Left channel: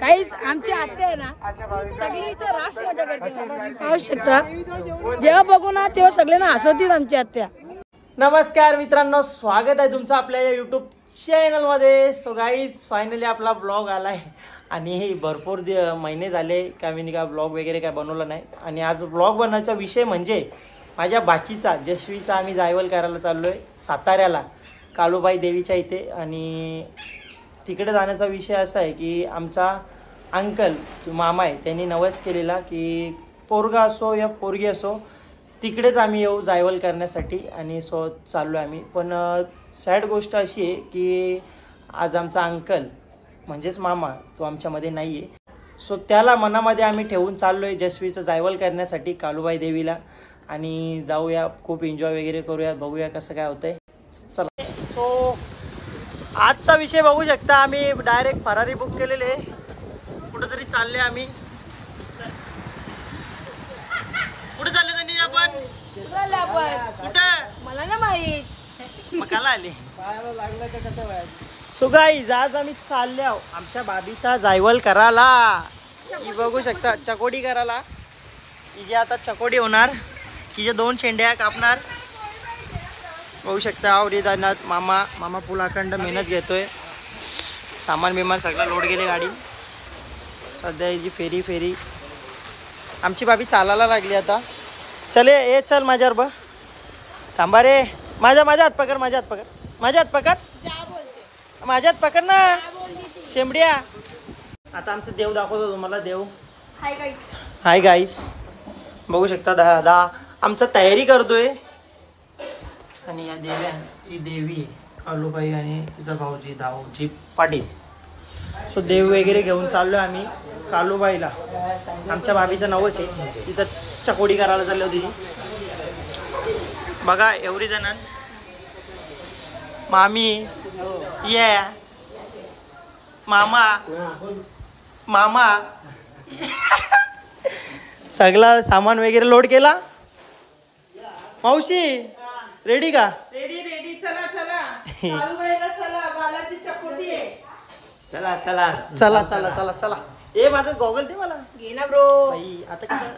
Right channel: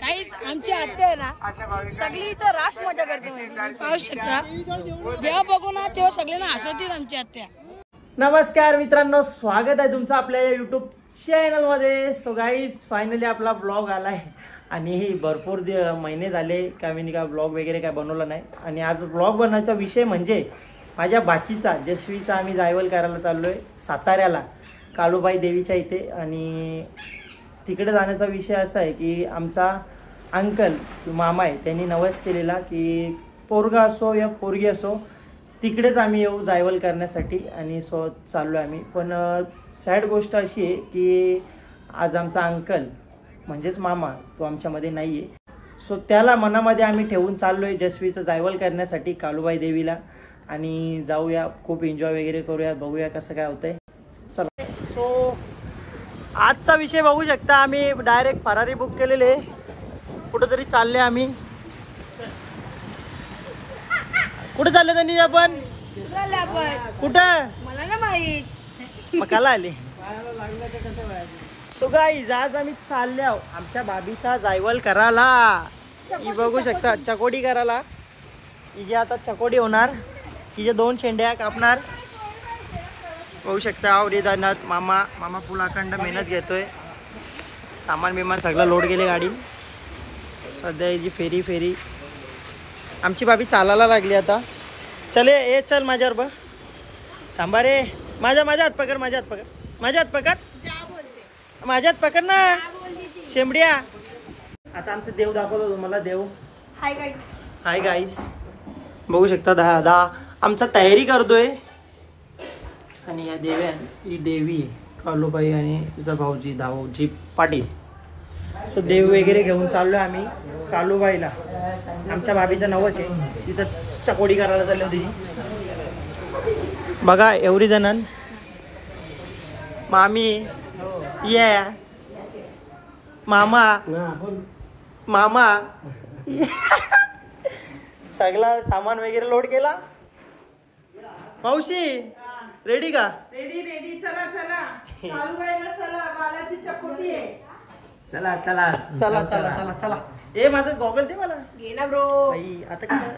काहीच आमची आत्या आहे ना सगळी इथं रास मजा करते पाहू शकता जेव्हा बघू ना तेव्हा सगळ्यांना हसवतील आमची आत्या। नमस्कार मित्रांनो, स्वागत आहे तुमचं आपल्या यूट्यूब चॅनलमध्ये। सो गाईज फायनली आपला ब्लॉग आला आहे आणि भरपूर महिने झाले का मी का ब्लॉग वगैरे काय बनवला नाही। आणि आज ब्लॉग बनवायचा विषय म्हणजे माझ्या बाचीचा जशवीचा आम्ही जायवल करायला चाललो आहे साताऱ्याला कालूबाई देवीच्या इथे। आणि तिकडे जाण्याचा विषय असा आहे की आमचा अंकल जो मामा आहे त्यांनी नवस केलेला की पोरगा असो या पोरगी असो तिकडेच आम्ही येऊ जायवल करण्यासाठी। आणि सो चाललो आम्ही। पण सॅड गोष्ट अशी आहे की आज आमचा अंकल म्हणजेच मामा तो आमच्यामध्ये नाही आहे। सो त्याला मनामध्ये आम्ही ठेवून चाललो आहे जशवीचं जायवल करण्यासाठी कालूबाई देवीला। आणि जाऊया, खूप एन्जॉय वगैरे करूया, बघूया कसं काय होतंय। चला, सो आजचा विषय बघू शकता, आम्ही डायरेक्ट फरारी बुक केलेले, कुठेतरी चालले आम्ही। कुठे चालले त्यांनी आपण कुठं मला ना माहित मकाला आले। सो गाईज आज आम्ही चालले आहो आमच्या बाबीचा जायवल करायला। ही बघू शकता चकोडी करायला, हिजे आता चकोडी होणार, हिजे 2 शेंड्या कापणार। बघू शकता आवरी जाणार मामा फुल अखंड मेहनत घेतोय, सामान बिमान सगळं लोड गेले गाडी। सध्या हिची फेरी आमची बाबी चालायला लागली आता। चले ये चल माझ्यावर बघ, थांबा रे, माझ्या हात पकड, माझ्या हात पकड ना शेंबड्या। आता आमचं देव दाखवतो तुम्हाला, देव हाय गाईस बघू शकता दादा आमचा तयारी करतोय। आणि या देव्यान ही देवी कालूबाई आणि तिचा भाऊजी दाऊजी पाटील। सो देव वगैरे घेऊन चाललो आम्ही कालूबाईला। आमच्या भाभीचं नवस आहे, तिथं चकोडी करायला चालली होती बघा एवढी जणांन। मामी ये, मामा सगळा सामान वगैरे लोड केला। मावशी रेडी का? रेडी चला बालाची चकोटी आहे। चला ए माझा गॉगल दे मला ना ब्रो भाई। आता कसं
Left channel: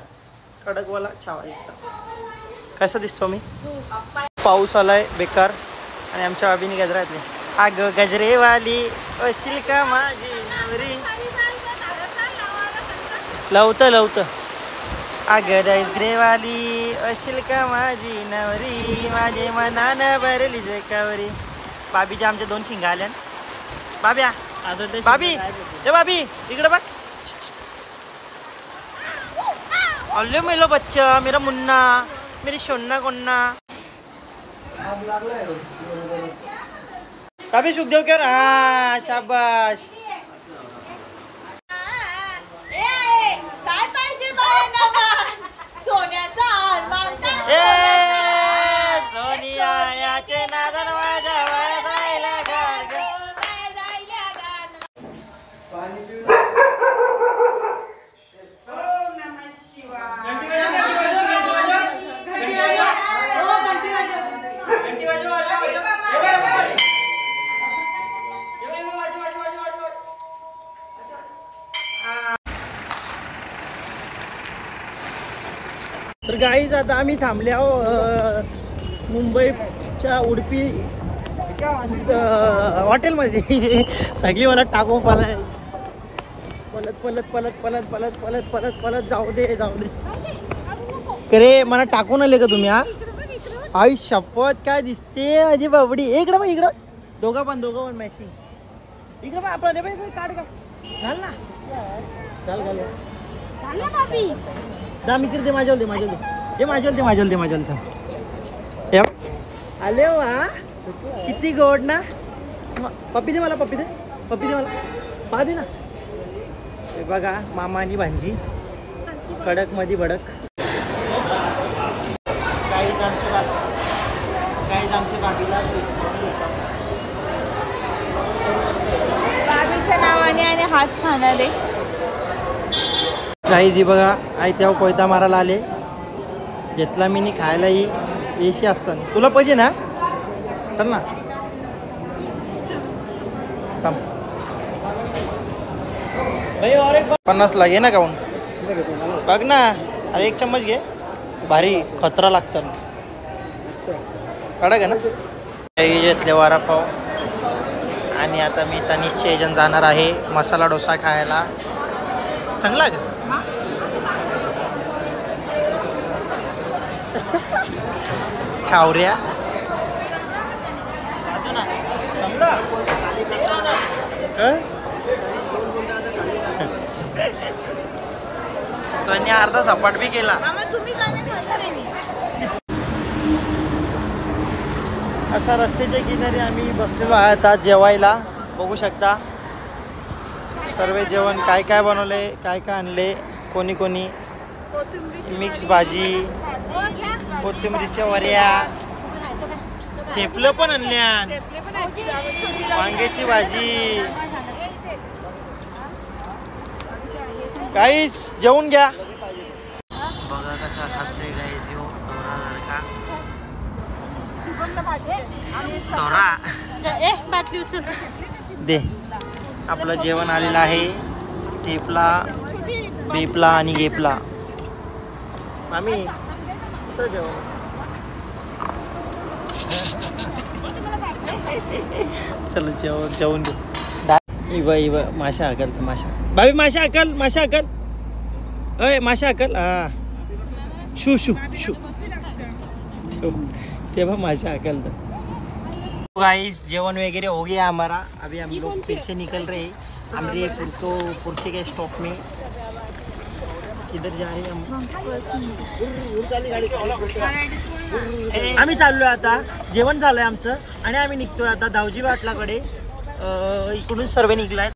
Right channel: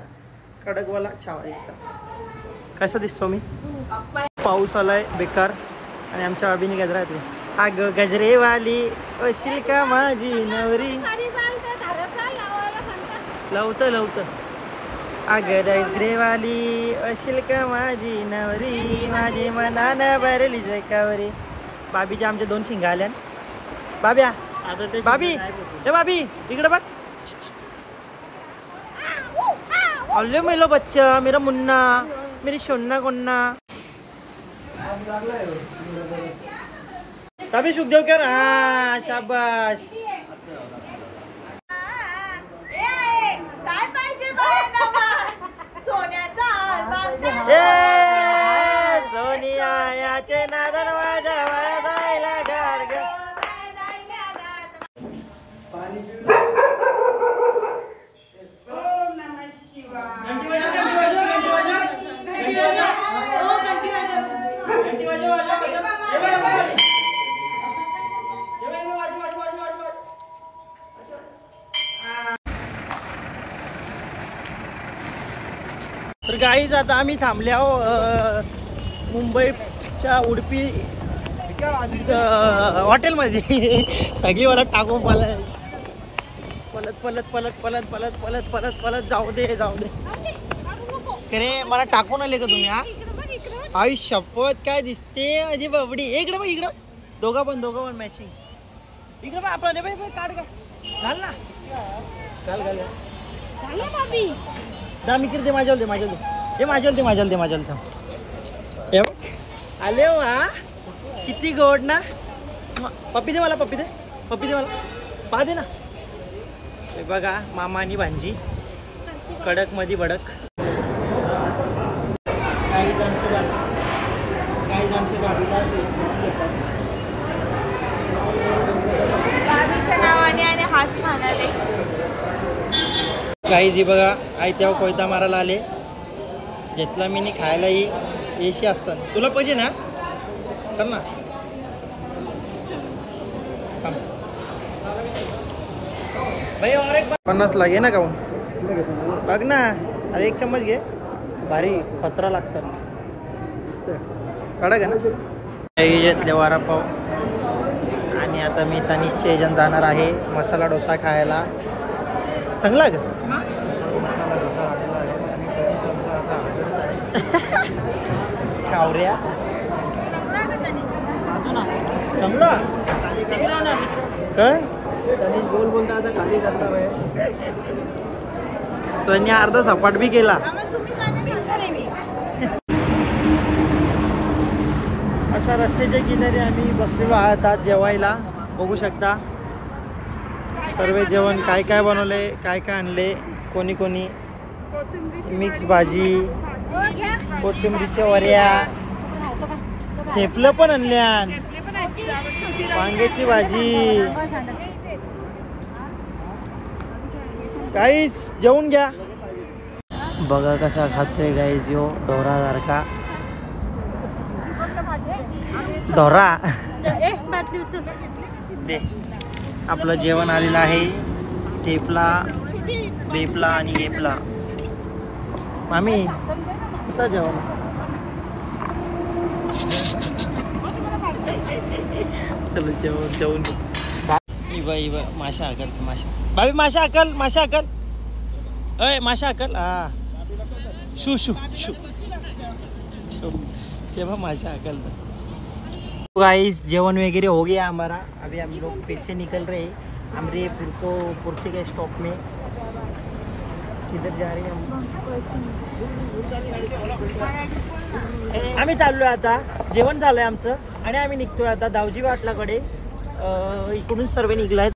कडकवाला छावा दिसतो, कसा दिसतो मी? पाऊस आलाय बेकार आणि आमच्या बाबीने गजरा घातले। अग गजरेवाली अशील का माझी नवरी, लवत अगर गजरेवाली अशील का माझी नवरी, माझे मनानं भरली जकावरी। बाबीच्या आमच्या 2 शिंगा आल्या। बाबी ए बाबी इकडे बघ। अल्ले मेलो बच्चा मेरा मुन्ना, मेरी सोन्ना कोन्ना। बाबी सुखदेव कर, हा शाबाश। सोनियाचे नादन वाजवायला जायला गार्ग। तर गाईज आता आम्ही थांबले आहो मुंबईच्या उडपी हॉटेलमध्ये। सगळी मला टाकून पलत जाऊ दे अरे मला टाकून आले का तुम्ही? हा आई शपथ काय दिसते अजी बाबडी। इकडं बघ, इकडं दोघं पण मॅचिंग। इकडं बघ आपला रे बाई काढ का घाल ना, घाल दा मित्र दे माझ्या आले वा किती गोड ना। पप्पी दे मला पा दे ना। हे बघा मामा आणि भांजी कडक मध्ये भडक। गाईज आमच्या बाबीला हाच खाणार आहे। गाईज ही बघा आई तेव्हा कोयता मारायला आले, घेतला मी खायलाही एशी असताना। तुला पाहिजे ना? चल ना थांब। भाई और एक 50 ला घे ना काऊन बघ ना. अरे एक चम्मच घे. भारी खतरा लागतं कडक आहे ना. घेतले वडापाव आणि आता मी तनिषच्या एजंट जाणार आहे मसाला डोसा खायला. चांगला आहे का खावऱ्या चांगला तो अर्धा सपाट बी केला. अशा रस्त्याच्या किनारी आम्ही बसलेलो आहोत आज जेवायला. बघू शकता सर्व जेवण काय काय बनवले काय काय आणले. कोणी कोणी मिक्स भाजी कोथिंबीरच्या वड्या थेपलं पण आणल्या वांग्याची भाजी. गाईस जेवून घ्या. बघा कसा खातोय गाईस यो ढोरासारखा. ढोरा दे. आपलं जेवण आलेलं आहे. थेपला बेपला आणि गेपला. मामी कसा जेवण चलो जेवून घे. इव माशा अकल माशा भाभी माशा अकल अय माशा अकल. हा शू शू शू तेव्हा माशा अकल. गाइस जेवण वगैरह हो गया हमारा. अभी हम लोग फिर से निकल रहे हैं. हमरे पुरचे के स्टॉप में. किधर जा रहे हम. आम्ही चाललोय आता. जेवण झालंय आमचं आणि आम्ही निघतोय आता दावजी पाटलाकडे. इकडून सर्व निघलाय.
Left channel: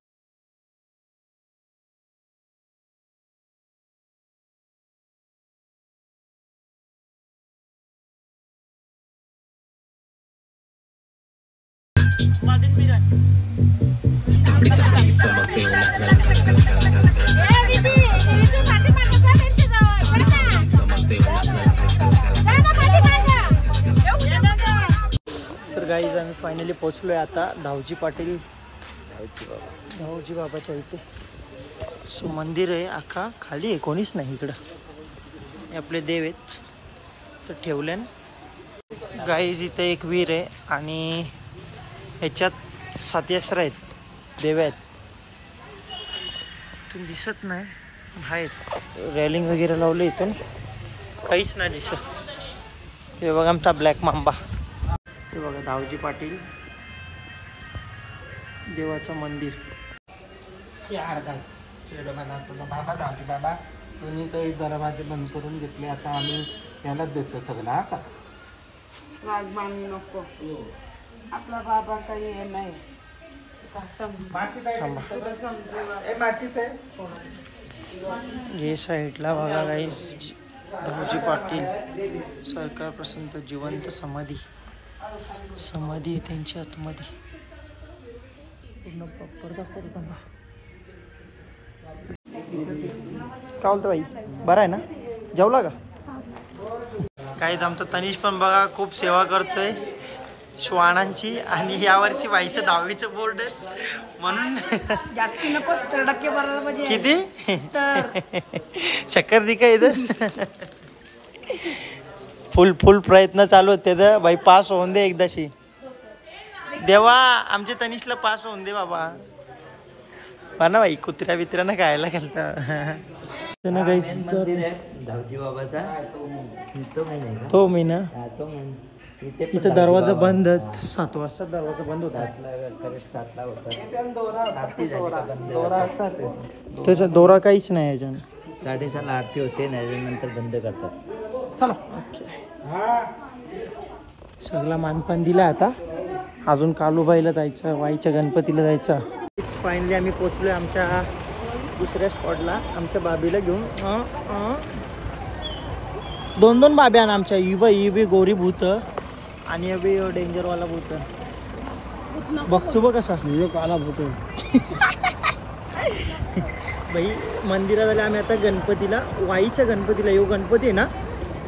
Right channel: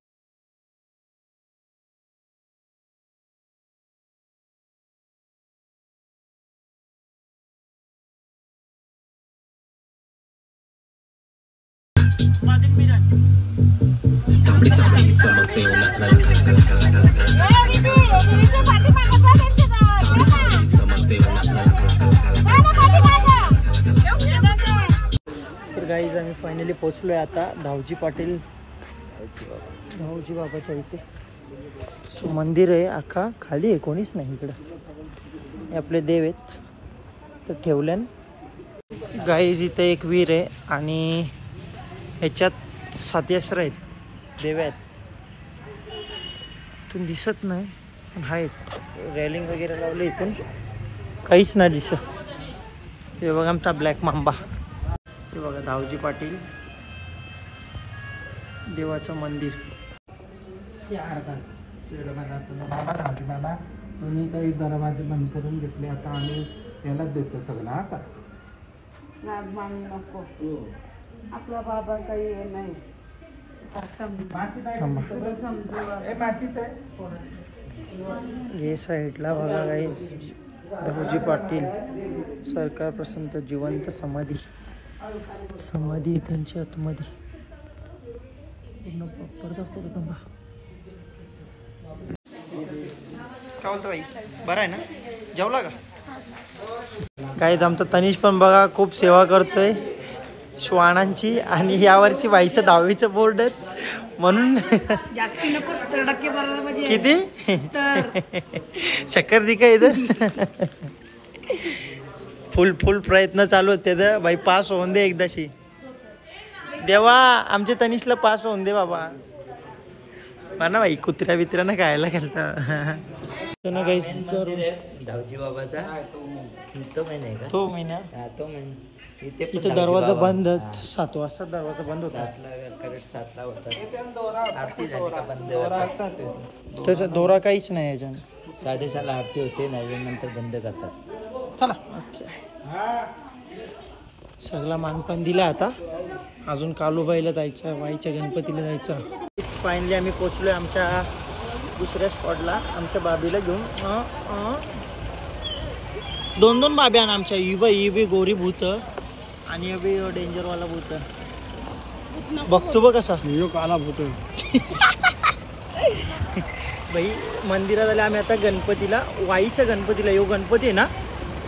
तर गाईज आम्ही फायनली पोहोचलोय आता धावजी पाटील धावजी बाबाच्या इथे. सो मंदिर आहे अख्खा खाली आहे कोणीच नाही इकडं. हे आपले देव आहेत तर ठेवल्यान. गाईज इथे एक वीर आहे आणि ह्याच्यात 7 अश्र आहेत देव आहेत. इथून दिसत नाही पण आहेत. रेलिंग वगैरे लावलं इथून काहीच नाही दिसत. हे बघा आमचा ब्लॅक मांबा. हे बघा धावजी पाटील देवाचं मंदिर. बाबा तुम्ही काही दरवाजे बंद करून घेतले. आता आम्ही यालाच देतो सगळं. हा का राजमानी नको. आपला बाबा काही हे नाही. हे साईडला बघा गाईस धावजी पाटील सरकार प्रसन्न जिवंत समाधी आहे त्यांची आतमध्ये. काय बोलतो बाई बरं आहे ना. जेवला का. काहीच आमचा तनिष पण बघा खूप सेवा करतोय श्वानांची. आणि यावर्षी बाईचं 10वीचं बोर्ड आहेत म्हणून जास्ती नको 70% भरायला पाहिजे. किती तर चक्कर दी का इथं. फुल प्रयत्न चालू आहेत त्याचं. बाई पास होऊन दे एकदाशी. देवा आमच्या तनिषला पास होऊन दे बाबा. ना बाई कुत्र्या बित्र्यानं खायला घालतं ना काही. धावजी बाबाचा तो महिना इथं दरवाजा बंद. 7 वाजता दरवाजा बंद होता. 7ला होता. आरती झाली का बंद. त्याचा दोरा काहीच नाही याच्यानं. 6:30 आरती होते नंतर बंद करतात. चला सगळा मानपान दिला. आता अजून कालूबाईला जायचं वाईच्या गणपतीला जायचं. फायनली आम्ही पोचलोय आमच्या दुसऱ्या स्पॉटला. आमच्या बाबीला घेऊन 2 बाब्या आमच्या. इबे गोरी भूत आणि अबी डेंजरवाला भूत. बघतो बघ कसा काला भूत. बाई मंदिरात आले आम्ही आता गणपतीला. वाईच्या गणपतीला. यो गणपती आहे ना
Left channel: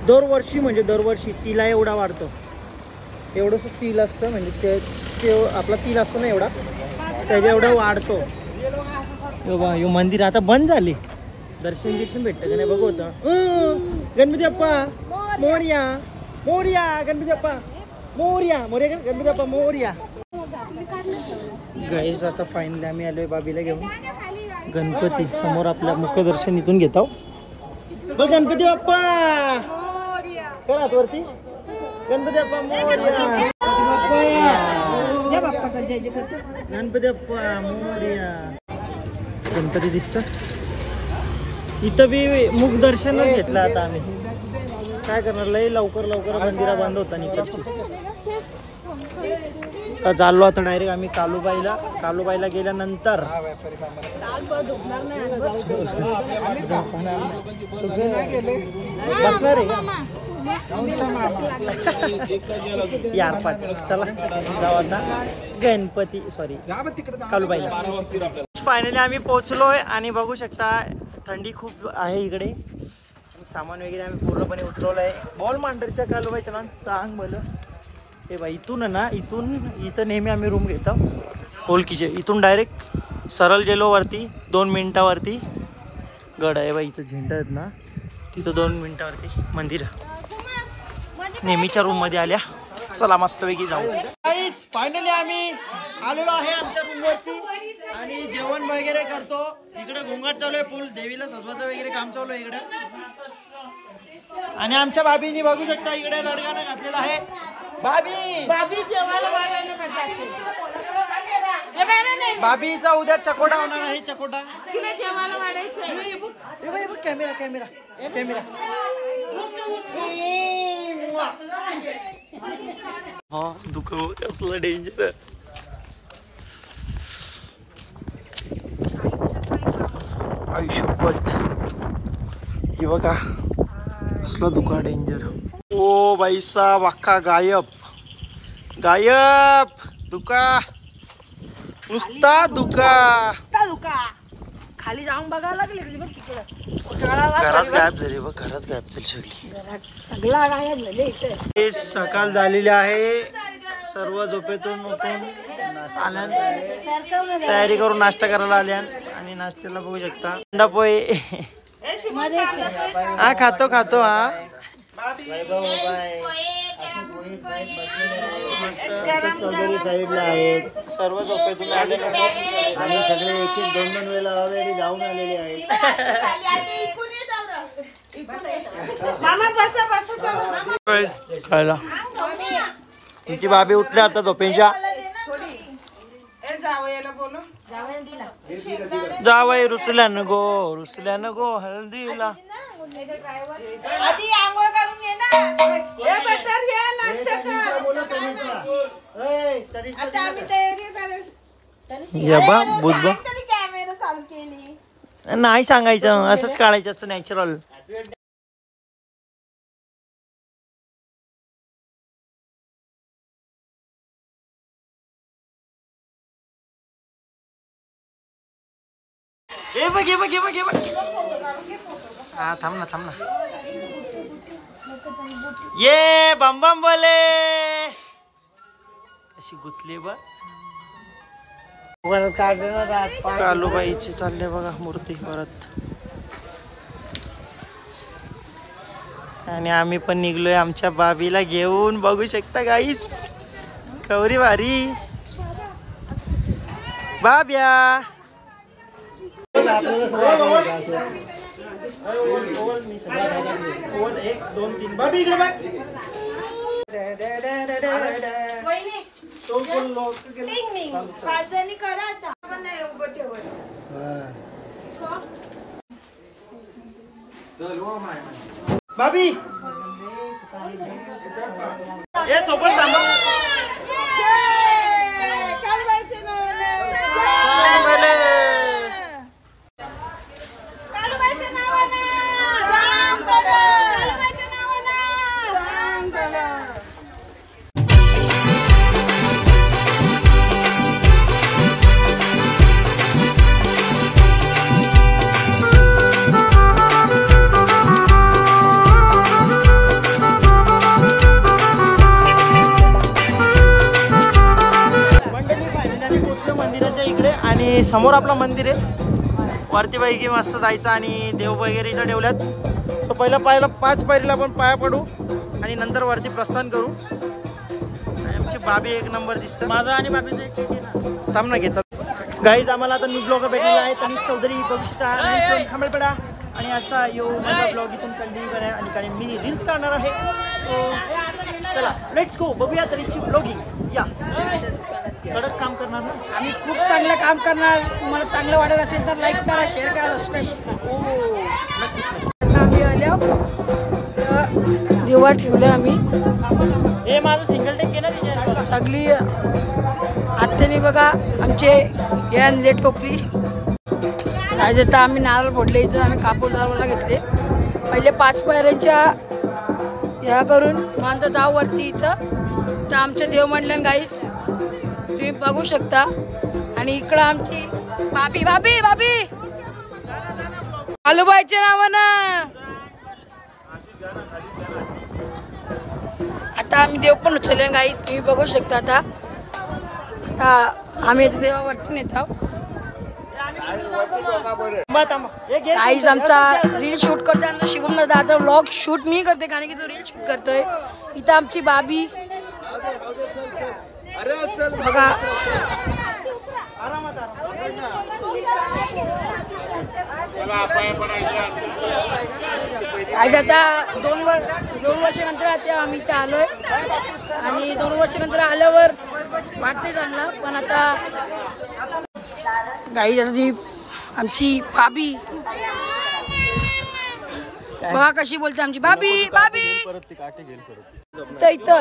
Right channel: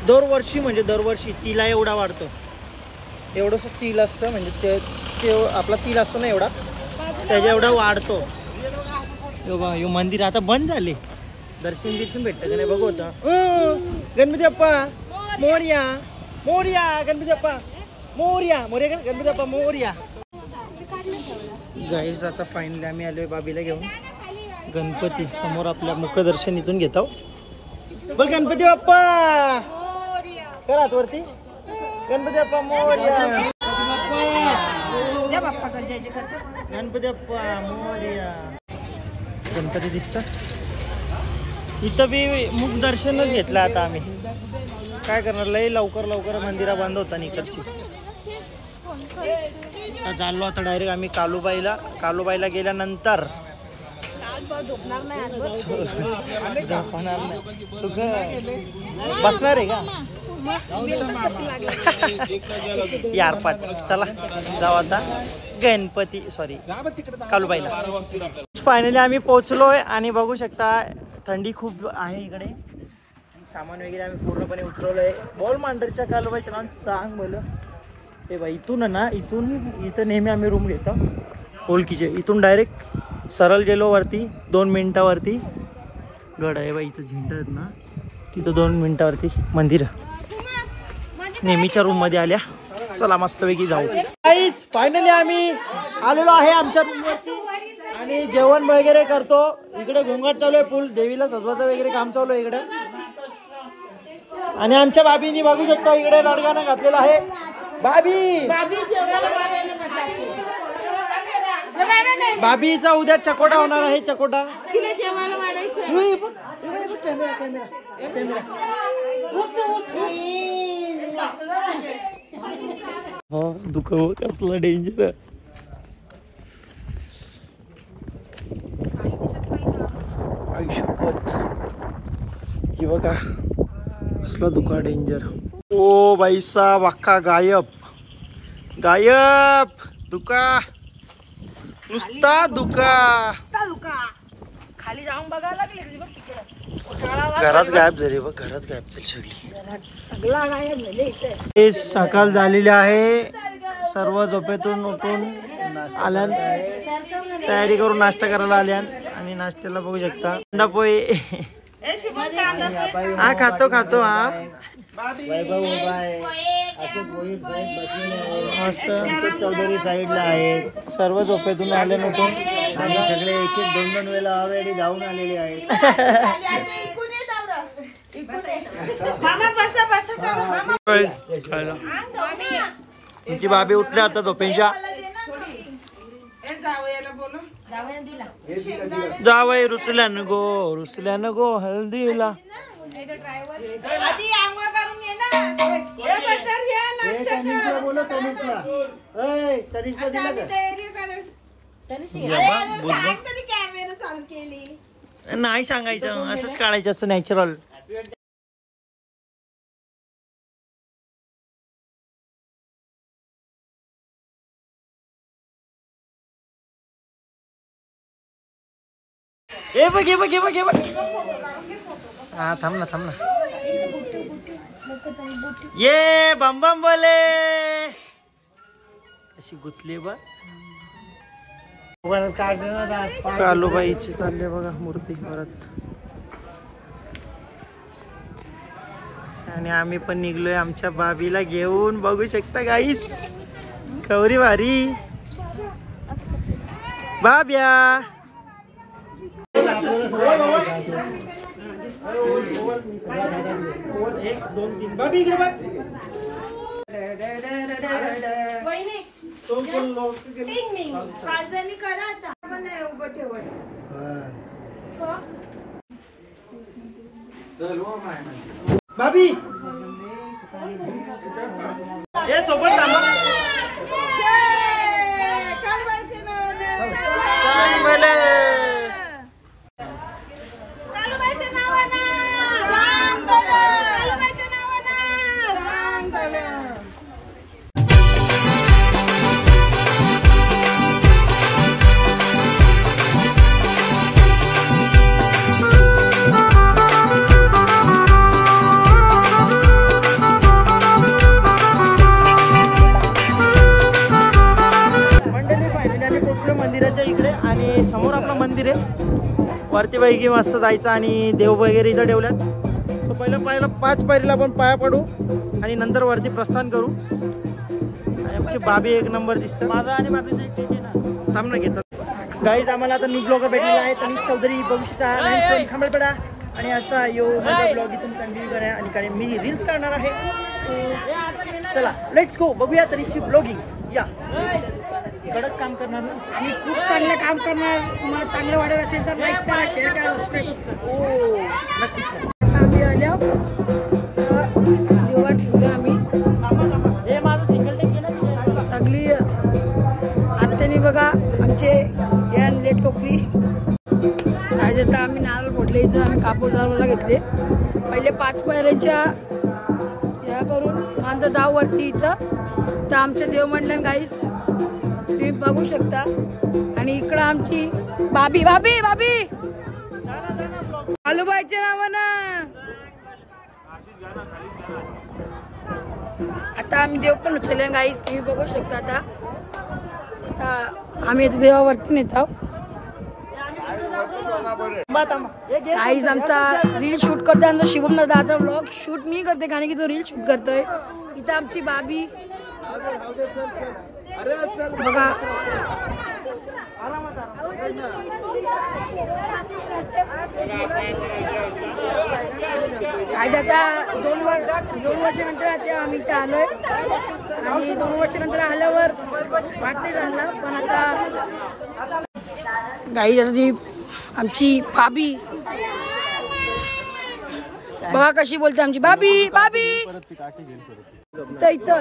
दरवर्षी तिला एवढा वाढतो. एवढंसं तिल असतं म्हणजे ते आपला तिल असतो ना एवढा त्याच्या एवढा वाढतो. यो मंदिर आता बंद झाले, दर्शन बिर्शन भेटतं का नाही बघू होतं. गणपती बाप्पा मोरया, मोरया गणपती बाप्पा मोरया, मोरया गणपती बाप्पा मोरया. गाईस आता फायनली आम्ही आलोय बाबीला घेऊन. गणपती समोर आपल्या मुखदर्शन इथून घेतो. बघ गणपती बाप्पा करा हात वरती. गणपती बाप्पा मोरया, गणपती बाप्पा मोरया. गणपती दिसतो इथं बी मुख दर्शनच घेतलं. आता आम्ही काय करणार, लई लवकर मंदिरा बंद होता इकडची. आता चाललो आता डायरेक्ट आम्ही कालूबाईला गेल्यानंतर बसणार आहे का यार पाठ. चला जाऊ आता गणपती कालूबाईला. फायनली आम्ही पोहोचलोय आणि बघू शकता थंडी खूप आहे इकडे आणि सामान वगैरे आम्ही पूर्णपणे उतरवलंय. बॉल मांडरच्या कालूबाईचं नाव सांग बोल. हे बाई इथून ना, इथं नेहमी आम्ही रूम घेतो ओळखीचे. इथून डायरेक्ट सरळ गेलो वरती 2 मिनिटावरती गड आहे बाई. इथं झेंडा आहेत ना, तिथं 2 मिनिटावरती मंदिर. नेहमीच्या रूम मध्ये आल्या. चला मस्तपैकी जाऊ. फायनली आम्ही आलेलो आहे आमच्या रूम वरती आणि जेवण वगैरे करतो. इकडे घोंगट चालू आहे, फुल देवीला सजवायचं वगैरे काम चालू आहे इकडे. आणि आमच्या भाभीनी बघू शकता इकडे लडगाणं घातलेलं आहे. भाभीचा उद्या चकोटा होणार आहे. चकोटा कॅमेरा कॅमेरा कॅमेरा. हो दुःख कसलं डेंजर. आयुष्यपत हे बघा कसलं दुःख डेंजर. ओ बाईसा वाक्का गायब दुका नुसता दुका. खाली जाऊन बघायला लागली घरात गायब झाली बघ. घरात गायब झाली सगळा गायब झाले. हे सकाळ झालेली आहे. सर्व झोपेतून उठून आल्यान तयारी करून नाश्ता करायला आल्यान आणि नाश्त्याला बघू शकता कांदा पोहे. हा खातो हा मस्त. चौधरी साईडला आहेत. सर्व झोपेतून आले नव्हते आणि सगळे 1-2 वेळेला ऑलरेडी जाऊन आलेले आहेत. खायला तुमची बाबी उठल्या आता झोपेच्या. जावई रुसल्यानं गो हल्दीला. नाही सांगायचं, असंच काढायचं असतं नॅचरल. हे बघ हा थांब ना ये बम बम बोले अशी गुतली बघ. कालूबाईची चालले बघा मूर्ती परत. आणि आम्ही पण निघलोय आमच्या बाबीला घेऊन. बघू शकता गाईस कवरी भारी बाब्या. बाबी ये सोबत मंदिराच्या इकडे आणि समोर आपला मंदिर आहे. वरती पैकी मस्त जायचं आणि देव वगैरे इथं ठेवल्यात. सो पहिला 5 पायरीला आपण पाया पडू आणि नंतर वरती प्रस्थान करू. आणि आमची बाबी एक नंबर दिसतं. थांब ना घेतात गाईज. आम्हाला आता न्यू ब्लॉगर भेटलेला आहे तनिष चौधरी बघू शकता खांबळपेडा. आणि असा माझा ब्लॉग इथून कंटिन्यू करा आणि कारण मी रील्स काढणार आहे. सो चला लेट्स गो. बघूया तनिषची ब्लॉगिंग. या कडक काम करणार ना आम्ही खूप चांगलं काम करणार. तुम्हाला चांगलं वाटत असेल तर लाईक करा, शेअर करा, सबस्क्राईब. ओ नक्कीच. आम्ही आल्या दिवा ठेवले आम्ही. सगळी आत्याने बघा आमचे या लेट टोपली. काय आता आम्ही नारळ फोडले. इथं आम्ही कापूर दारवाला घेतले. पहिले 5 पायऱ्यांच्या या करून मानतो जाऊ वरती. इथं तर आमचं देवमंडळ गाईस तुम्ही बघू शकता. आणि इकडं आमची बाबी बाबी बाबी आलूबाईच्या नावानं आता आम्ही देव पण उचलले गाईस तुम्ही बघू शकता. आता आम्ही आता देवावरती नेत आहोत. गाईस आमचा रील शूट करतोय आमचा शिवम दादा. आता व्लॉग शूट मी करते कारण की तो रील शूट करतोय. इथं आमची बाबी बघा. आता 2 वर्षानंतर आता आम्ही इथं आलोय. आणि 2 वर्षानंतर आल्यावर वाटते झालं. पण आता गाई जी आमची बाबी बघा कशी बोलते आमची बाबी बाबी. इथं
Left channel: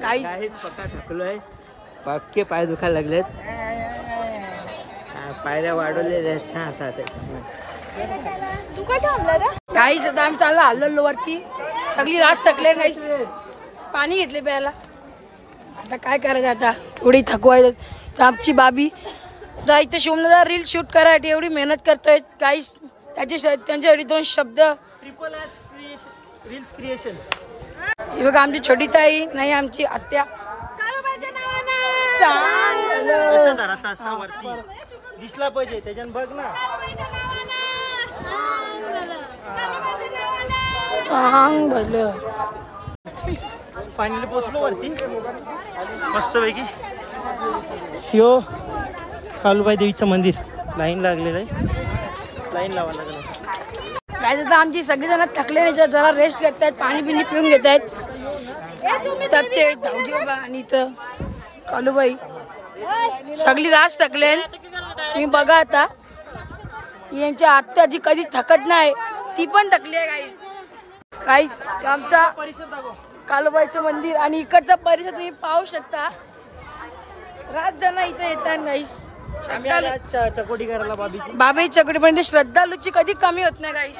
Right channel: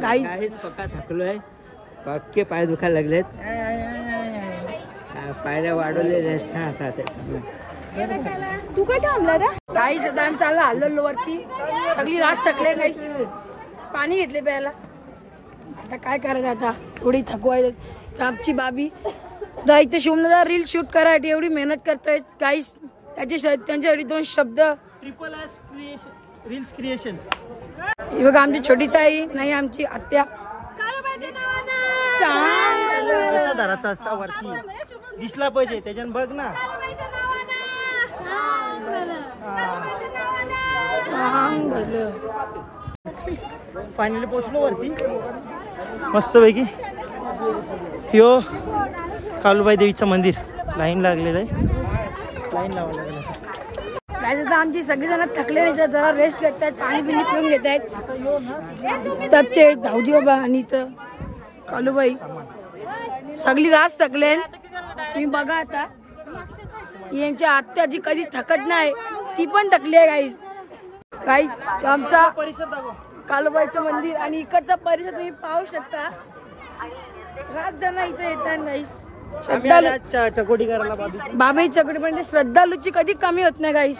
काहीच पक्का थकलोय. पक्के पाय दुखायला लागलेत. पायऱ्या वाढवलेल्या आहेत ना आता त्याच्यामुळे. तू काय थांबला रे. काहीच आता आम्ही चालला हल्लो वरती. सगळी रास थकले. काहीच पाणी घेतले प्यायला. आता काय करायचं आता एवढी थकवाय. तर आमची बाबी इथं शिवमदादा रील शूट करायसाठी एवढी मेहनत करतोय. काहीच त्यांच्यासाठी 2 शब्द ट्रिपल एस रील्स क्रिएशन. ही बघा आमची छोटी ताई नाही आमची आत्या. कशा दाराचा असा वरती दिसला पाहिजे त्याच्यानं बघ ना. फायनली पोहोचलो वरती मस्त पैकी. कालूबाई देवीचं मंदिर. लाईन लागलेलं आहे. लाईन लावायला लागेल आता. आमची सगळेजण थकले नाही. जरा रेस्ट घेत आहेत. पाणी बिणी पिऊन घेत आहेत. तपचे धावजी बाबा आणि इथं कालूबाई सगळी रास थकले. तुम्ही बघा आता यांच्या आत्या जी कधी थकत नाही ती पण थकली आहे. काही आमचा परिसर दाखव. कालूबाईचं मंदिर आणि इकडचा परिसर तुम्ही पाहू शकता. रातजण इथं येतात गाईस. श्रद्धालू चकोटी करायला बाबी चकोटी पण श्रद्धालूची कधी कमी होत नाही गाईस.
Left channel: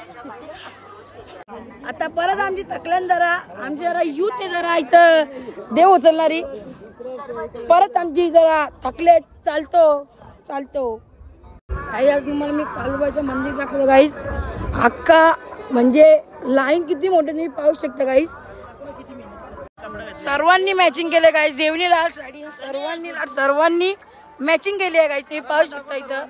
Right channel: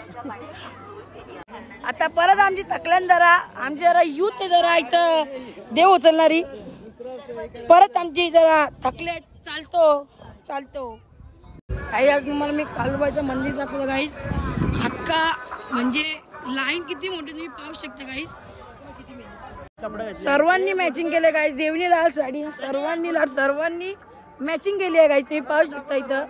आता परत आमची थकल्यान जरा आमची जरा यूथ आहे जरा इथं देव उचलणारी. परत आमची जरा थकले चालतो. काही आज तुम्हाला मी कालूबाईचं मंदिर दाखवलं गाईस. अख्खा म्हणजे लाईन किती मोठी तुम्ही पाहू शकता गाईस. सर्वांनी मॅचिंग केले गाईस. देवणी लाल साडी सर्वांनी मॅचिंग केली आहे गाईस. तुम्ही पाहू शकता इथं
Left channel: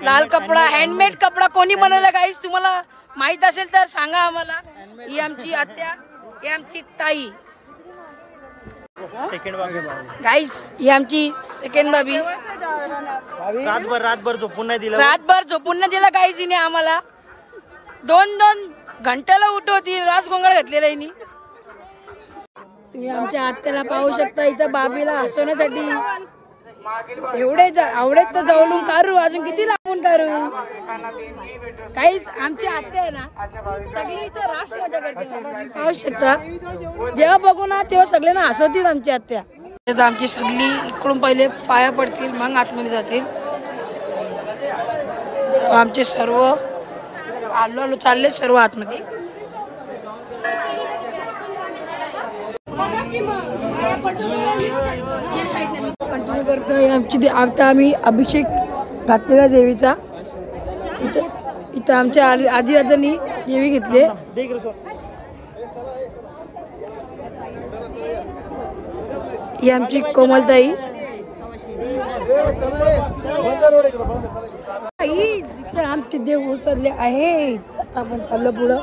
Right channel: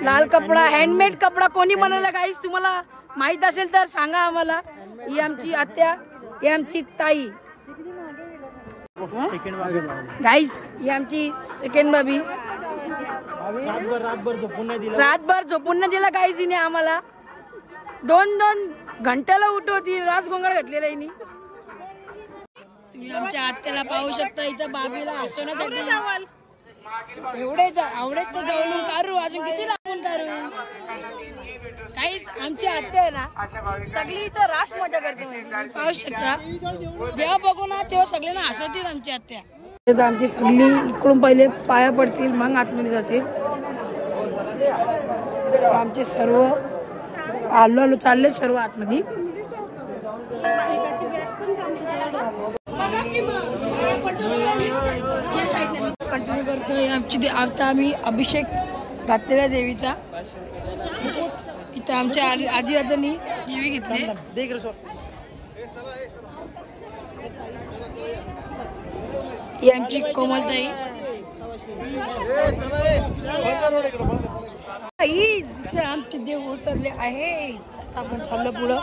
लाल कपडा हँडमेड कपडा कोणी बनवला गाईस तुम्हाला माहित असेल तर सांगा आम्हाला. ही आमची आत्या ही आमची ताई गाईस. ही आमची सेकंड बाबी. रातभर झोपून नाही दिला गाईस हिने आम्हाला. 2 घंट्याला उठवती. रास गोंगाळ घातलेला हिने. तुम्ही आमच्या आत्याला पाहू शकता. इथं बाबीला हसवण्यासाठी एवढे आवडेत तर जवळून काढू. अजून किती लांबून काढू. काहीच आमची आत्या आहे ना सगळी इथं रास मजा करते. पाहू शकता जेव्हा बघू ना तेव्हा सगळ्यांना हसवतील आमची आत्या. आमची सगळी इकडून पहिले पाया पडतील मग आतमध्ये जातील. आमचे सर्व आलो चालले सर्व आतमध्ये. कंटिन्यू करतोय आमची. आता आम्ही अभिषेक घातलेला देवीचा. इथं आमच्या आजीराजांनी देवी घेतले. ही आमची कोमलताई. ते आमचे देव उचलले आहेत. आता आपण चाललो पुढं.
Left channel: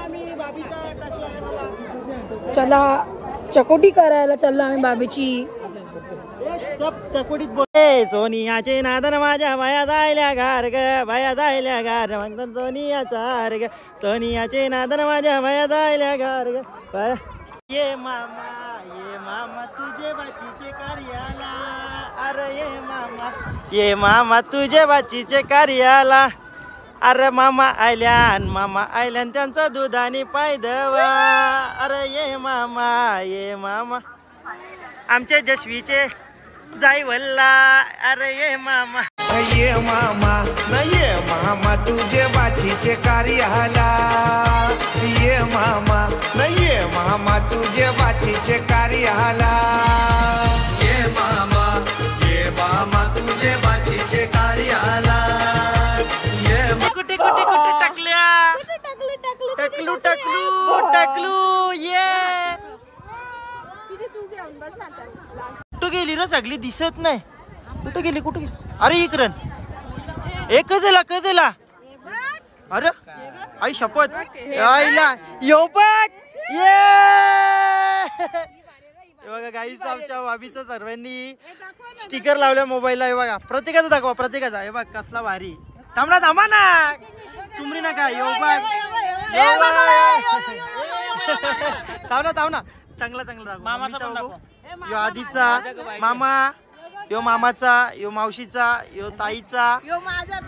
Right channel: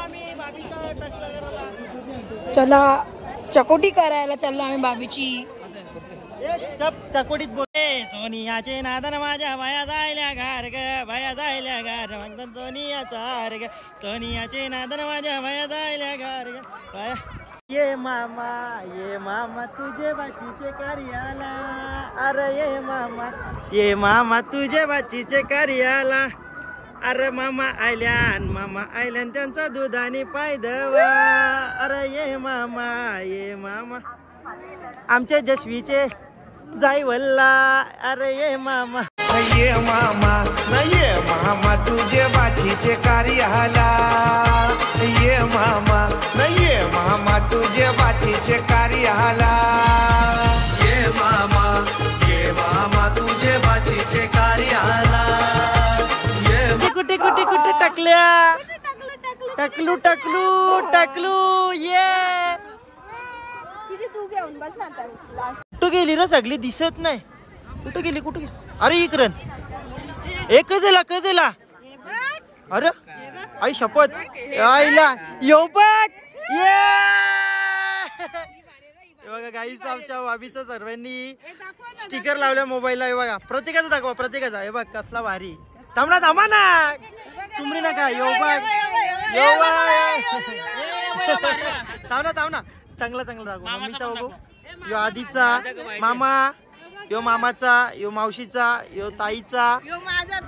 चला चकोटी करायला चाललो आम्ही बाबीची. चकुडीत बोले सोनियाचे नादन माझ्या भया जायल्या घार ग भया जायल्या घार म्हणतात सोनियाचा हार ग सोनियाचे नादन माझ्या भया जायल्या घार ग. ये मामा तुझे बाचीचे कार्याला अरे ये मामा तुझे बाचीचे कार्याला अरे मामा आयल्यान त्यांचा दुधाने पाय दवा अरे ये मामा आमचे जशवीचे जाई वल्ला अरे ये मामा तुझे बाचीचे कार्याला ये मामा तुझे बाचीचे कार्याला ये मामा तुझे बाचीचे कार्याला कुठे कुठे कुठे टाकल्या टाकलू ये कुठं गेली रे सगळी दिसत नाही. कुठं गेली अरे इकडं कजेला अरे आई शपथ आईला येऊ बघ ये बघा गाईस आमच्या बाबीचं सर्वांनी स्टिकर लावल्या मोबाईलला. हे बघा प्रत्येकाचा दाखवा प्रत्येकाचा. हे बघ कसला भारी. थांबा ना चुमरी नका येऊ बघ थांब ना चांगला दाखव. मम्मीचा बघू यो आधीचा मामा यो मामाचा यो मावशीचा यो ताईचा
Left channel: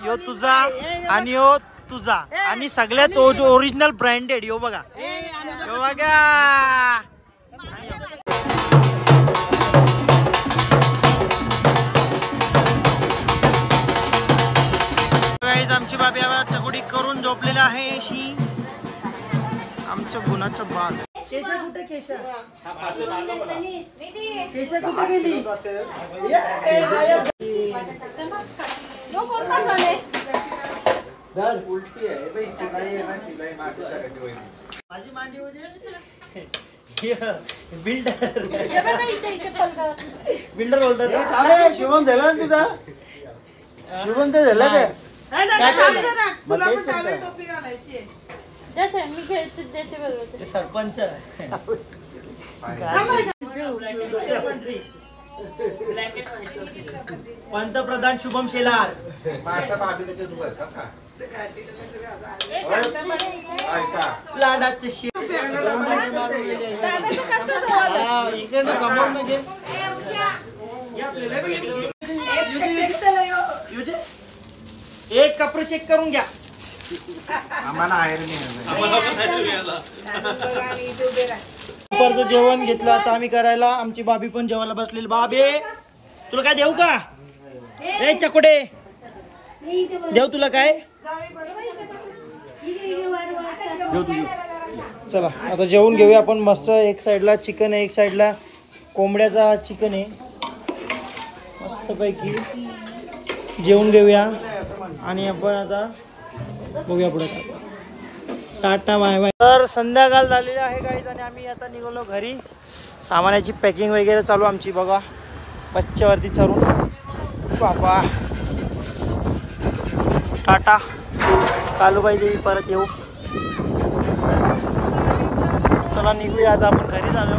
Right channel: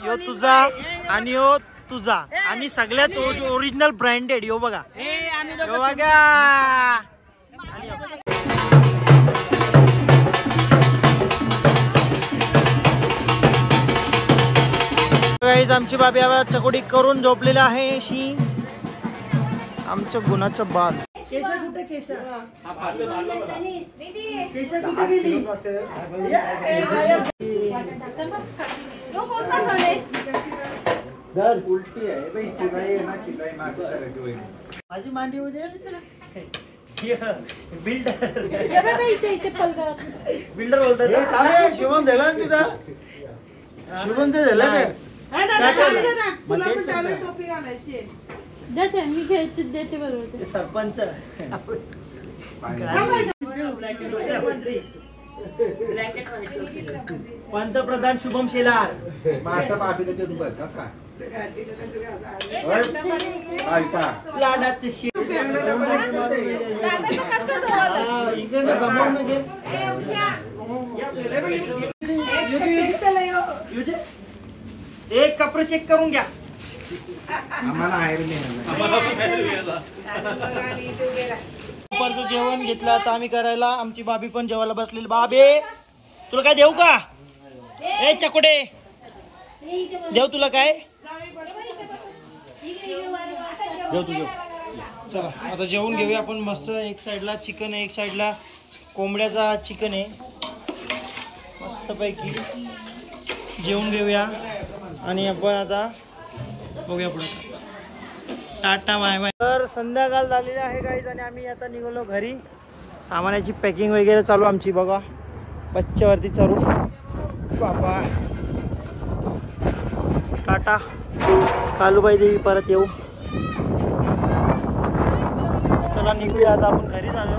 यो तुझा आणि यो तुझा आणि सगळ्यात ओरिजिनल ब्रँडेड यो बघा यो बघा. आणि गाईज आमची बाबी चकोडी करून झोपलेले आहे अशी. आमच्या गुणाचं बाल केशा कुठे गेली उलटी आहे माझी मांडी होते बिल्डर बोलतात. शुभम झाला ना तुझा शुभम तर झाला काय तुला पण डावी टोपी घालायची. सरपंच पंतप्रधान शुभम शेलार लाडाचे एक कपडे चेक करून घ्या. आम्हाला दुपारचं जेवण घेतलं आता आम्ही करायला. आमची बाबी पण जेवायला बसलेली. बाबे तुला काय देऊ का ए चकोडे देऊ तुला काय देऊ तुझ. चला आता जेवून घेऊया आपण मस्त. एक साईडला चिकन आहे एक साईडला कोंबड्याचा चिकन आहे. मस्तपैकी जेवून घेऊया आणि आपण आता बघूया पुढे. Tata bye bye. तर संध्याकाळ झालेली आहे गाईज आणि आम्ही आता निघालो घरी. सामानाची पॅकिंग वगैरे चालू आमची बघा. बच्च्यावरती चढून बापा टाटा कालूबाई देवी परत येऊ. चला निघूया आता आपण घरी झालो.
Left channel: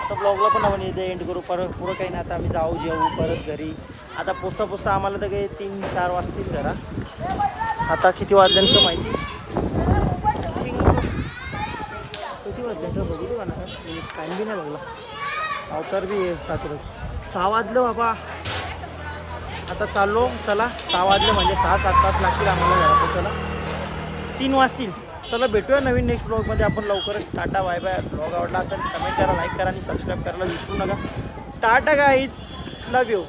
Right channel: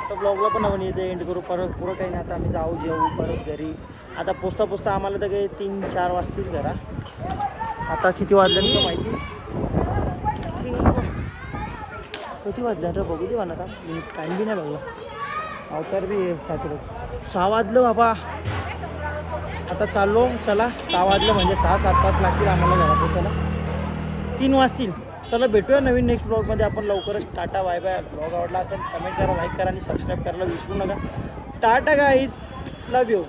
आता ब्लॉगला पण आपण इथे एंड करू. परत पुढं काही नाही. आता आम्ही जाऊ जेवू परत घरी. आता पोचता आम्हाला तर काही 3-4 वाजतील घरा. आता किती वाजल्यानंतर माहिती किती वाजल्यानंतर बघू दे म्हणा. मी टाईम बी नाही बघला. तर बी 6 वाजलं बाबा. आता चाललो. चला 6 वाजले म्हणजे 6-7 तास लागतील आम्हाला घरा पोचायला. 3 वाजतील. चला भेटूया नवीन नेक्स्ट ब्लॉगमध्ये आपण लवकरच. Tata bye bye. ब्लॉग आवडला असेल कमेंट करा लाईक करा आणि सबस्क्राईब करायला विसरू नका. Tata guys love you.